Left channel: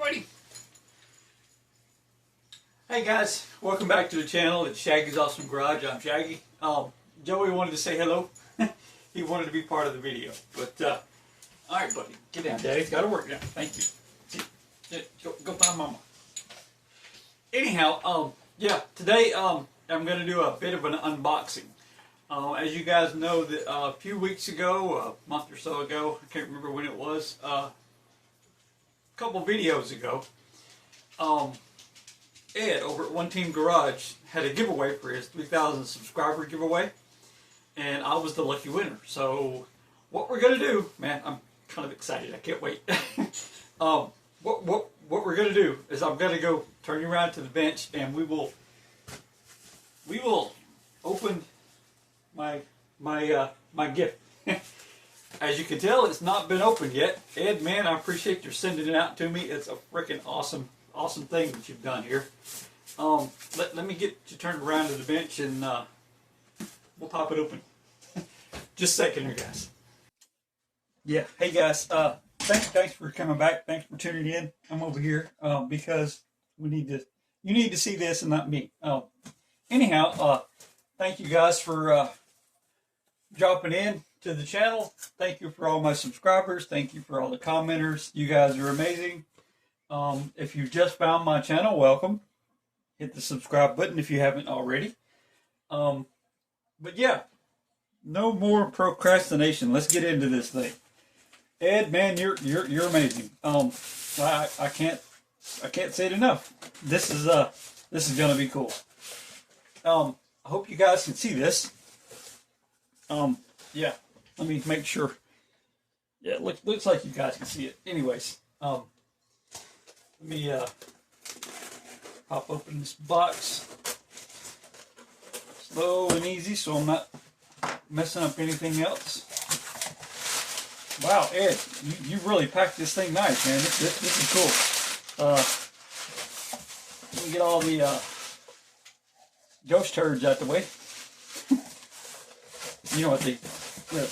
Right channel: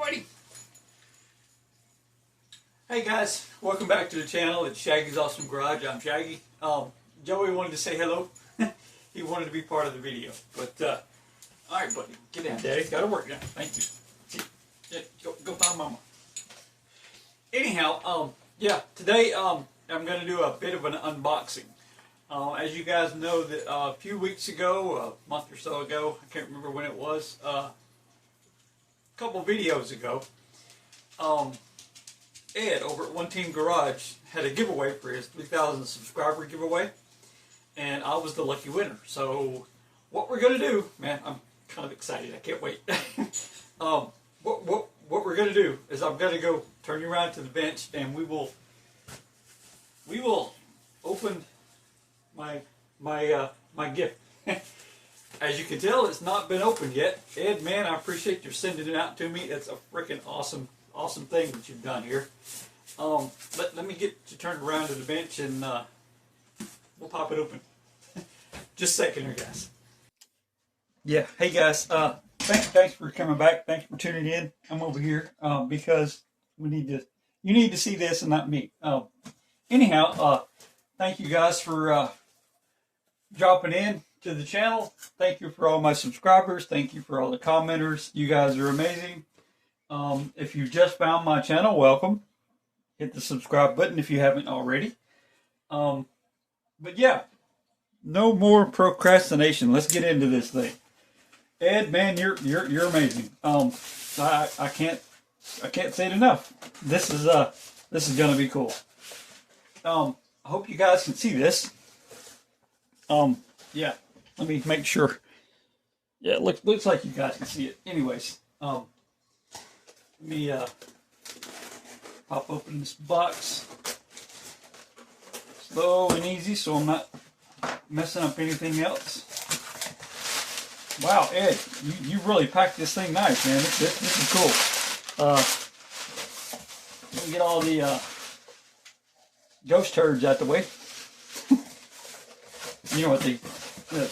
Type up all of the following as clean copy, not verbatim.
buddy. Hey guys, welcome back to the channel. It's Shaggy's Awesome Garage. I'm Shaggy. Joey wanted to say hello. He wanted to be part of the video. But, alright buddy, get down. Daddy's got to work now. Thank you. Go find Mama. Anyhow, yeah, today I'm going to do a bit of an unboxing. As you guys know, that a few weeks ago, a month or so ago, I can't remember when it was, a couple videos ago, Ed over at One Team Garage had a giveaway for his 3,000 subscriber giveaway, and I was the lucky winner. So what we're going to do, man, I'm kind of excited. I can't wait. What we're going to do is I'm going to go turn you around to the bench, and we will open my gift. As you can tell, it's not been opened yet. Ed, man, I appreciate you sending it out to me. It's a freaking awesome thing that you've done here. Let me get you turned around to the bench, and we'll pop it open. Just a second here, guys. Yeah, hey guys. Thanks for coming back. Thanks for tuning in. I'm over here because you need to see this and not me. Anyhow, thank you guys for dropping in to the channel. Thank you for all my subscribers. Thank you for all the commenters. You guys are amazing. If you just found my channel, welcome. Hit the subscribe button if you haven't already. But yeah, no more procrastination. Let's get into this thing. Ed, man, you're amazing. I can't say it enough. This is gonna be cool. I hope you guys can see this. Yeah, let me make sure. Yeah, it looks like you guys can see it. Anyways, let me pop open this box slow and easy so I'm not messing up anything else. Wow, Ed, you really packed this thing nice, man. This is cool. Let me get all the ghost turds out the way. You know what the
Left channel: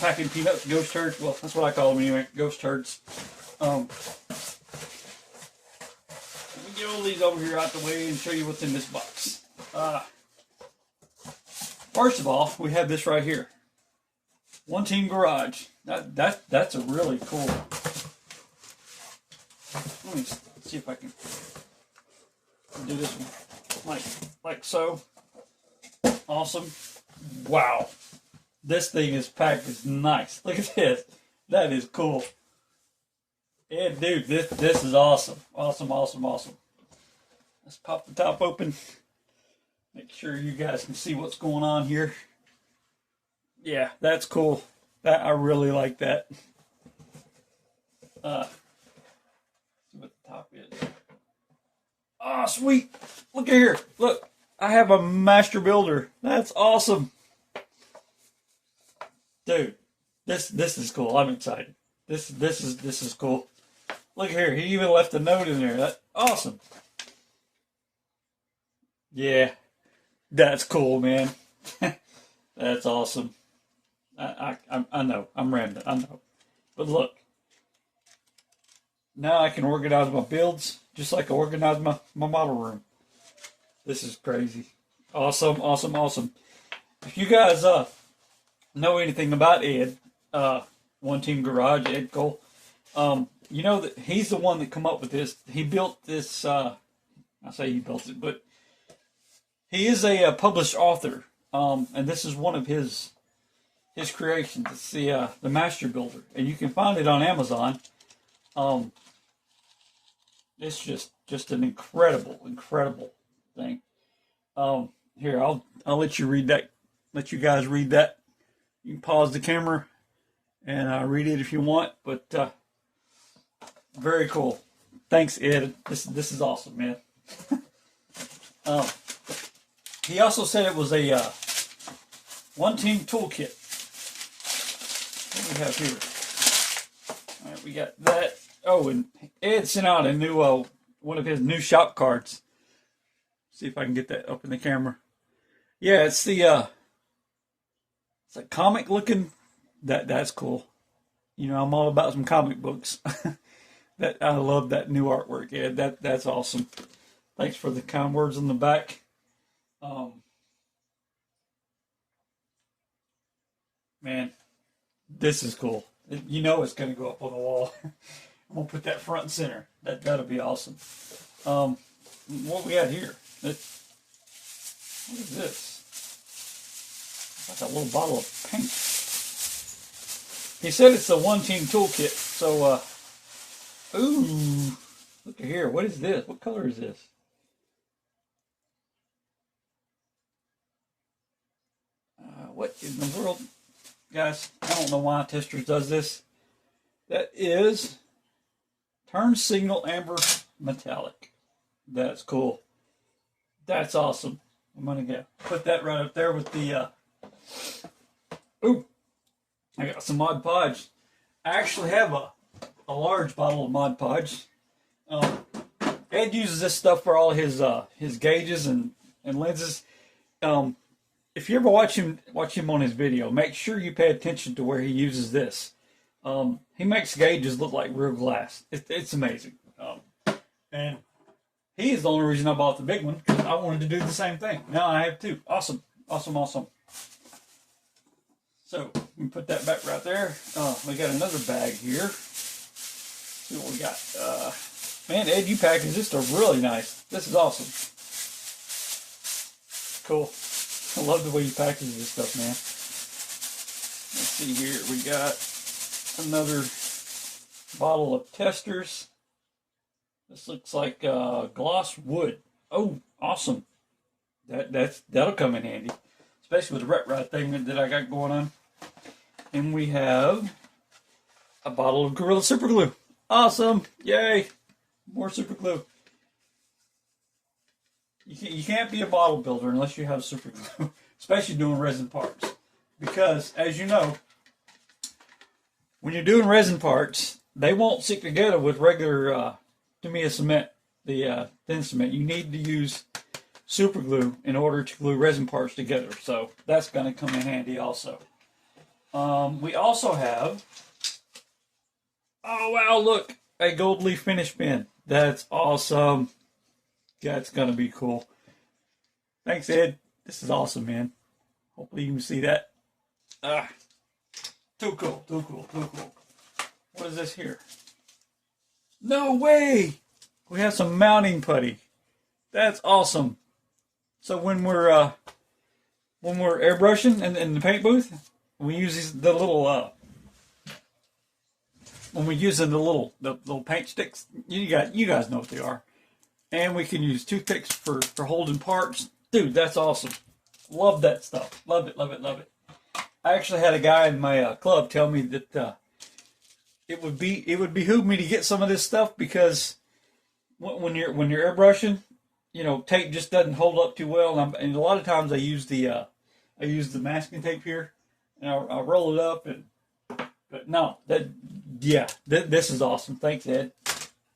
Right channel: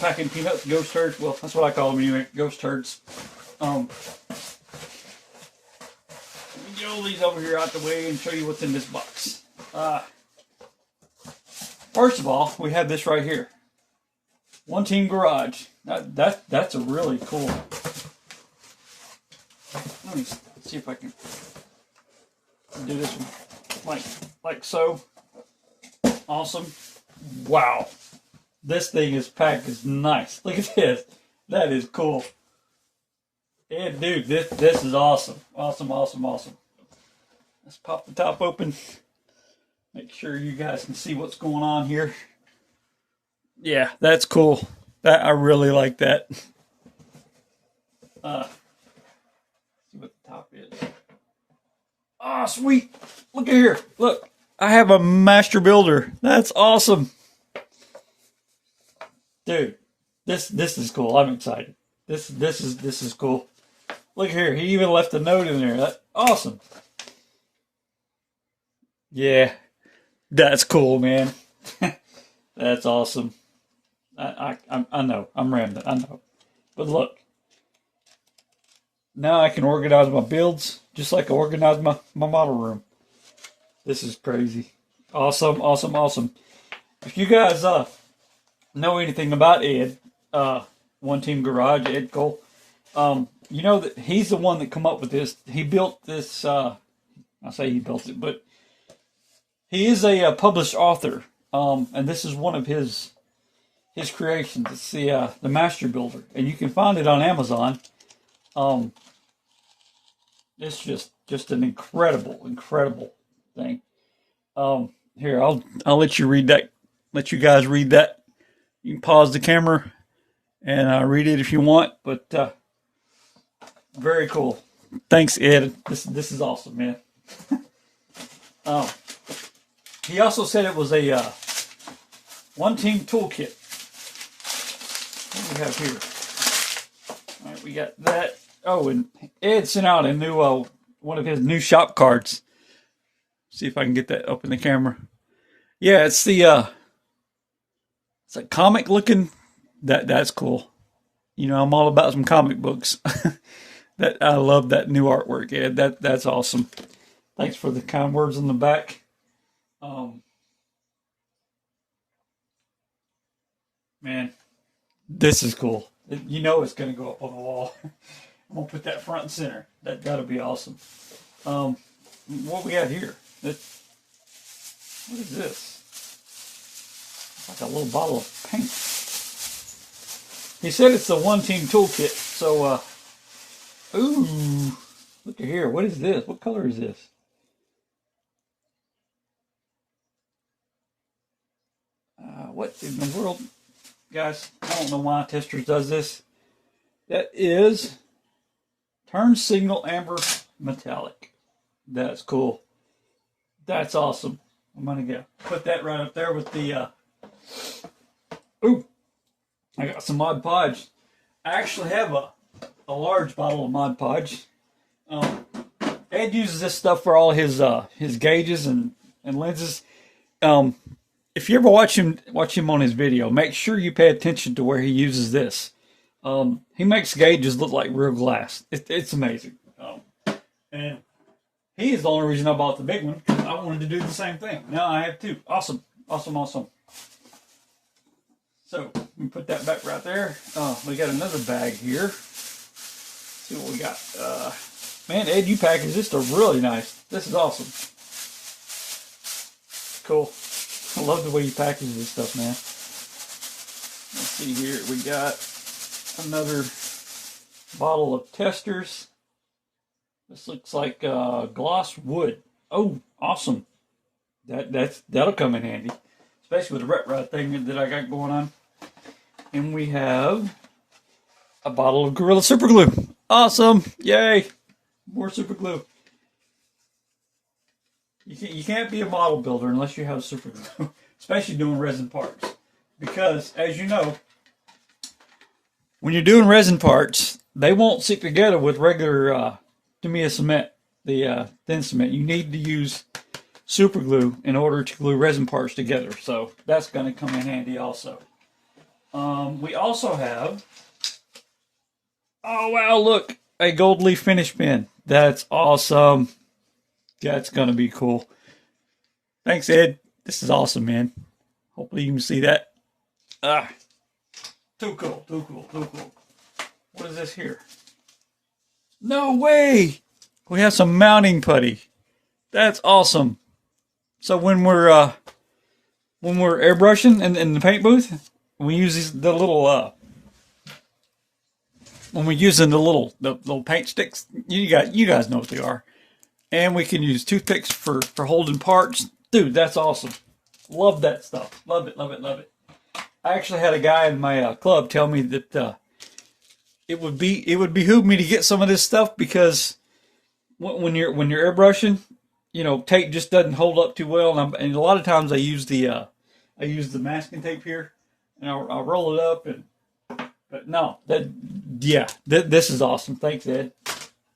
packing peanuts, ghost turds. Well, that's what I call them anyway, ghost turds. Let me get all these over here out the way and show you what's in this box. First of all, we have this right here. One Team Garage. That's a really cool. Let me see if I can do this one like so. Awesome. Wow. This thing is packed. Is nice. Look at this. That is cool. Yeah, dude, this is awesome. Awesome. Let's pop the top open. Make sure you guys can see what's going on here. Yeah, that's cool. I really like that. See what the top is. Oh, sweet. Look at here. Look, I have a master builder. That's awesome. Dude, this is cool. I'm excited. This is cool. Look here. He even left a note in there. That's awesome. Yeah, that's cool, man. That's awesome. I know. I'm rambling. I know. But look. Now I can organize my builds just like I organize my model room. This is crazy. Awesome. If you guys know anything about Ed, One Team Garage, Ed Cole, you know that he's the one that come up with this. He built this, I say he built it, but he is a published author. And this is one of his creations. It's the Master Builder, and you can find it on Amazon. It's just an incredible thing. Here, I'll let you read that. Let you guys read that. You can pause the camera and read it if you want. But very cool. Thanks, Ed. This is awesome, man. He also said it was a One Team toolkit. What do we have here? All right, we got that. Oh, and Ed sent out a new one of his new shop cards. See if I can get that up in the camera. Yeah, it's the it's a comic looking. That's cool. You know, I'm all about some comic books. That I love that new artwork, Ed. That's awesome. Thanks for the kind words on the back. Um, Man, this is cool. You know it's going to go up on the wall. I'm gonna put that front and center. That'll be awesome. Um, what we got here? What is this? Like a little bottle of paint. He said it's the One Team Toolkit. So, ooh, look at here. What is this? What color is this? What in the world, guys? I don't know why Testers does this. That is turn signal amber metallic. That's cool. That's awesome. I'm gonna go put that right up there with the. Ooh, I got some Mod Podge. I actually have a large bottle of Mod Podge. Ed uses this stuff for all his gauges and lenses. If you ever watch him on his video, make sure you pay attention to where he uses this. He makes gauges look like real glass. It's amazing. And he is the only reason I bought the big one, because I wanted to do the same thing. Now I have two. Awesome. Awesome, awesome. So, we put that back right there. We got another bag here. Let's see what we got. Man, Ed, you packaged this stuff really nice. This is awesome. Cool. I love the way you package this stuff, man. Let's see here. We got another bottle of Testers. This looks like gloss wood. Oh, awesome. That'll come in handy, especially with the ret rod thing that I got going on. And we have a bottle of Gorilla Super Glue. Awesome! Yay! More super glue. You can't be a model builder unless you have super glue, especially doing resin parts. Because, as you know, when you're doing resin parts, they won't stick together with regular Tamiya cement, the thin cement. You need to use super glue in order to glue resin parts together. So that's going to come in handy also. We also have, oh wow, look, a gold leaf finish pen. That's awesome. That's going to be cool. Thanks, Ed. This is awesome, man. Hopefully you can see that. Too cool, too cool, too cool. What is this here? No way! We have some mounting putty. That's awesome. So when we're airbrushing in the paint booth, we use the little when we're using the little paint sticks, you guys know what they are. And we can use toothpicks for holding parts. Dude, that's awesome. Love that stuff. Love it, love it, love it. I actually had a guy in my club tell me that it would behoove me to get some of this stuff, because when you're airbrushing, tape just doesn't hold up too well, and a lot of times I use the masking tape here, and I'll roll it up, but no, this is awesome. Thanks, Ed.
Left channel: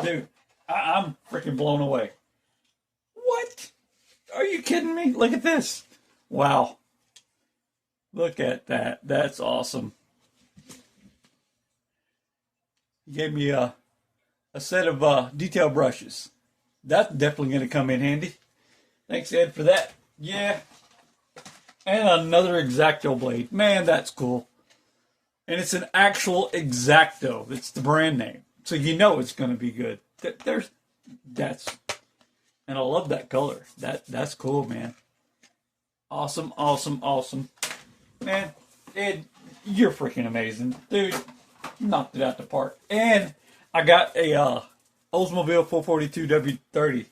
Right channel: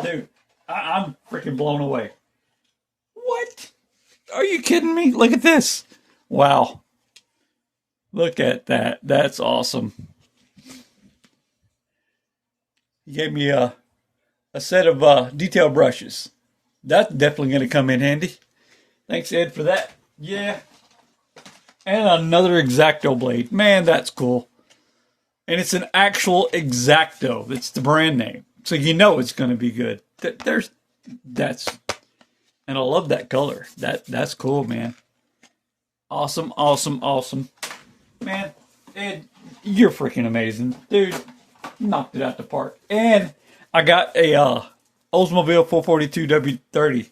Dude, I'm freaking blown away. What? Are you kidding me? Look at this. Wow. Look at that. That's awesome. He gave me a set of detail brushes. That's definitely going to come in handy. Thanks, Ed, for that. Yeah. And another X-Acto blade. Man, that's cool. And it's an actual X-Acto. It's the brand name. So you know it's going to be good. And I love that color. That's cool, man. Awesome, awesome, awesome. Man, Ed, you're freaking amazing. Dude, knocked it out the park. And I got a Oldsmobile 442 W30.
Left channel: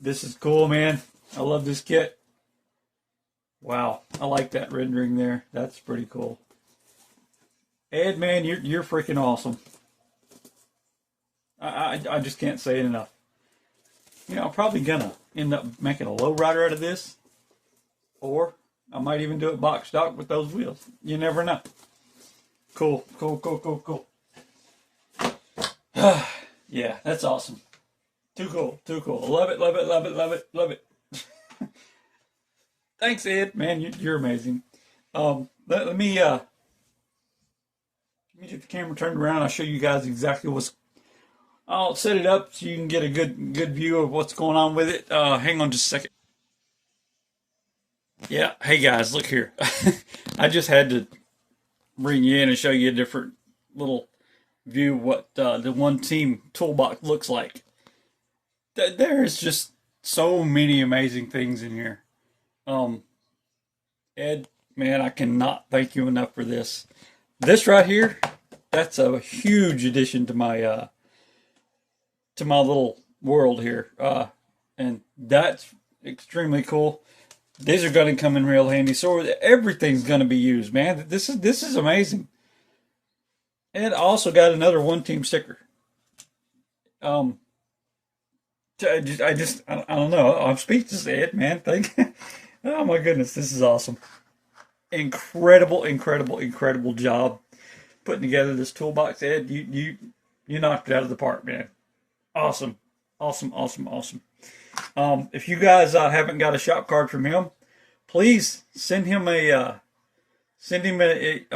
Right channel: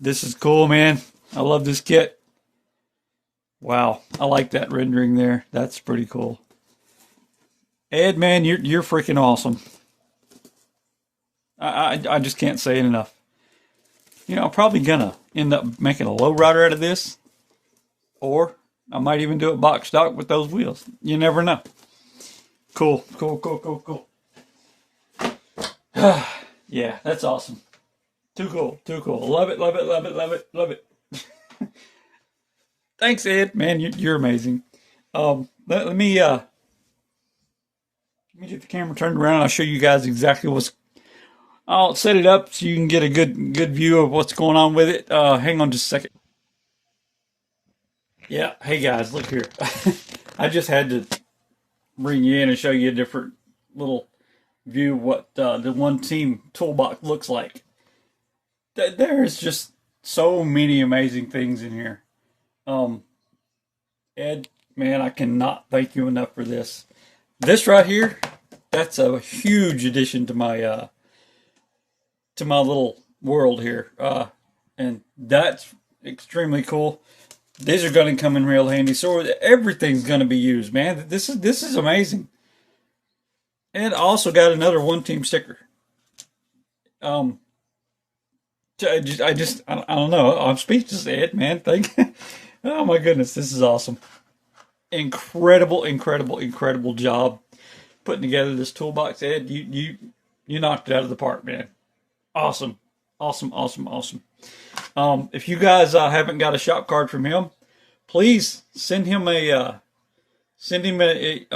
This is cool, man. I love this kit. Wow, I like that rendering there. That's pretty cool. Ed, man, you're freaking awesome. I just can't say it enough. I'm probably gonna end up making a lowrider out of this, or I might even do it box stock with those wheels. You never know. Cool, cool, cool, cool, cool. Yeah, that's awesome. Too cool, too cool. Love it, love it, love it, love it, love it. Thanks, Ed. Man, you're amazing. Let me Let me get the camera turned around. I'll show you guys exactly what's. I'll set it up so you can get a good view of what's going on with it. Hang on just a second. Yeah, hey guys, look here. I just had to bring you in and show you a different little view of what the one team toolbox looks like. There's just so many amazing things in here. Ed, man, I cannot thank you enough for this. This right here, that's a huge addition to my little world here, and that's extremely cool. These are going to come in real handy. So everything's going to be used, man. This is amazing. And also got another one team sticker. I don't know. I'm speechless, Ed, man. Oh my goodness, this is awesome. Incredible job putting together this toolbox, Ed. You knocked it out of the park, man. Awesome. If you guys haven't got a shop card from him, please send him a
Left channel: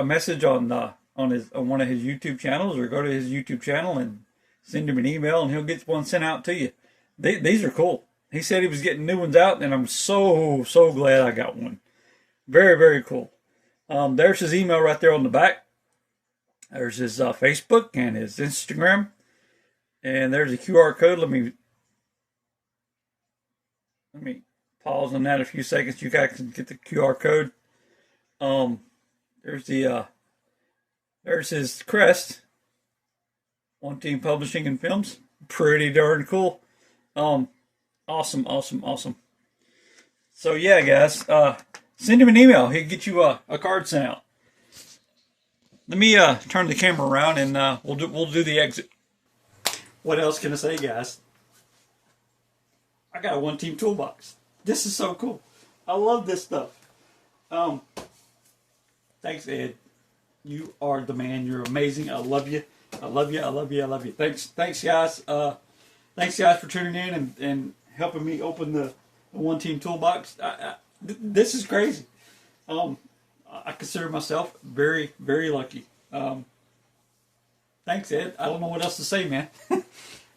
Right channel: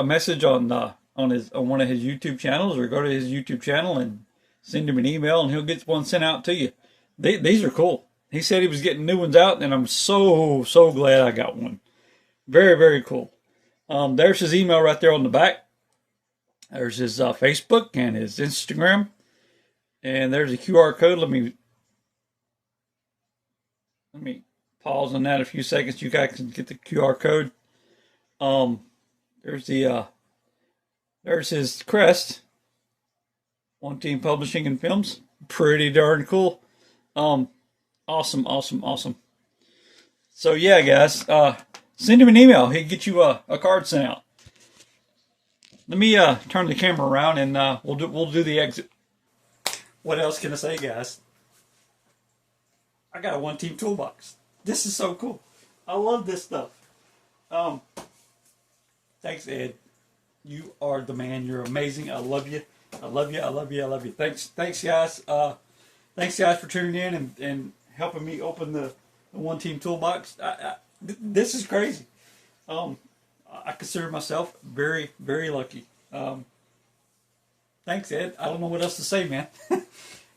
message on one of his YouTube channels, or go to his YouTube channel and send him an email, and he'll get one sent out to you. These are cool. He said he was getting new ones out, and I'm so glad I got one. Very cool. There's his email right there on the back. There's his Facebook and his Instagram. And there's a QR code. Let me pause on that a few seconds. You guys can get the QR code. There's his crest. One Team Publishing and Films. Pretty darn cool. Awesome. So yeah, guys, send him an email. He'll get you a card sent out. Let me turn the camera around, and we'll do the exit. What else can I say, guys? I got a one team toolbox. This is so cool. I love this stuff. Thanks, Ed. You are the man. You're amazing. I love you. Thanks, guys. Thanks, guys, for tuning in and helping me open the one team toolbox. This is crazy. I consider myself very lucky. Thanks, Ed. I don't know what else to say, man.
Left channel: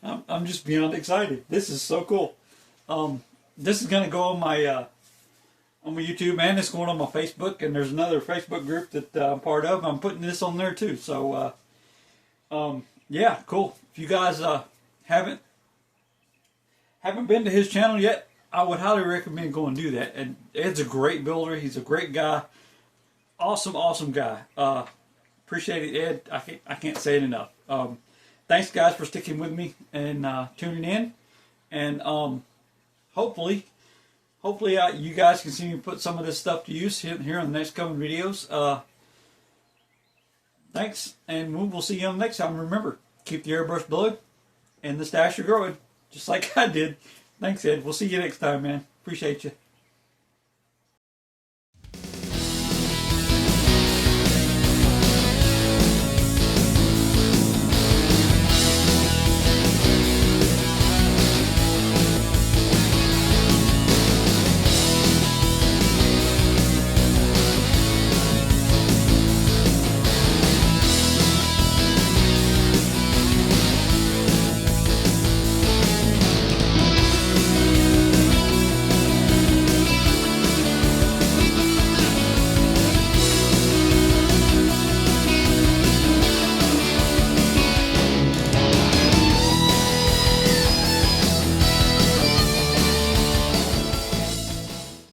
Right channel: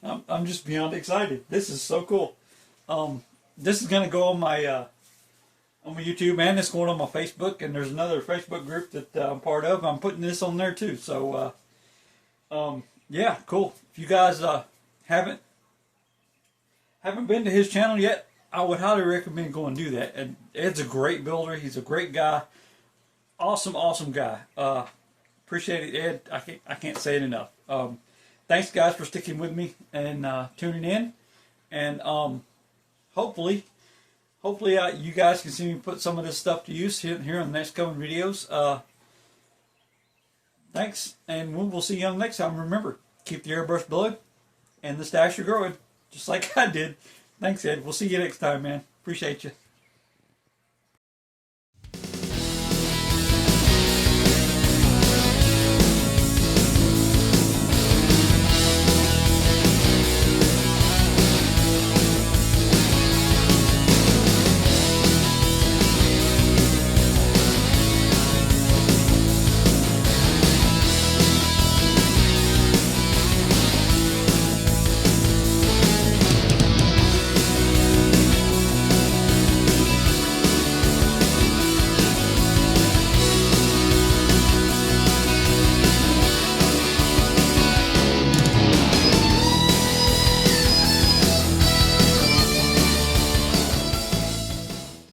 I'm just beyond excited. This is so cool. This is gonna go on my YouTube, and it's going on my Facebook, and there's another Facebook group that I'm part of. I'm putting this on there too. So, yeah, cool. If you guys haven't been to his channel yet, I would highly recommend going and do that. And Ed's a great builder. He's a great guy. Awesome guy. Appreciate it, Ed. I can't say it enough. Thanks, guys, for sticking with me and tuning in. And hopefully you guys can see me put some of this stuff to use here in the next coming videos. Thanks, and we'll see you on the next time. Remember, keep the airbrush blowing and the stash growing, just like I did. Thanks, Ed. We'll see you next time, man. Appreciate you.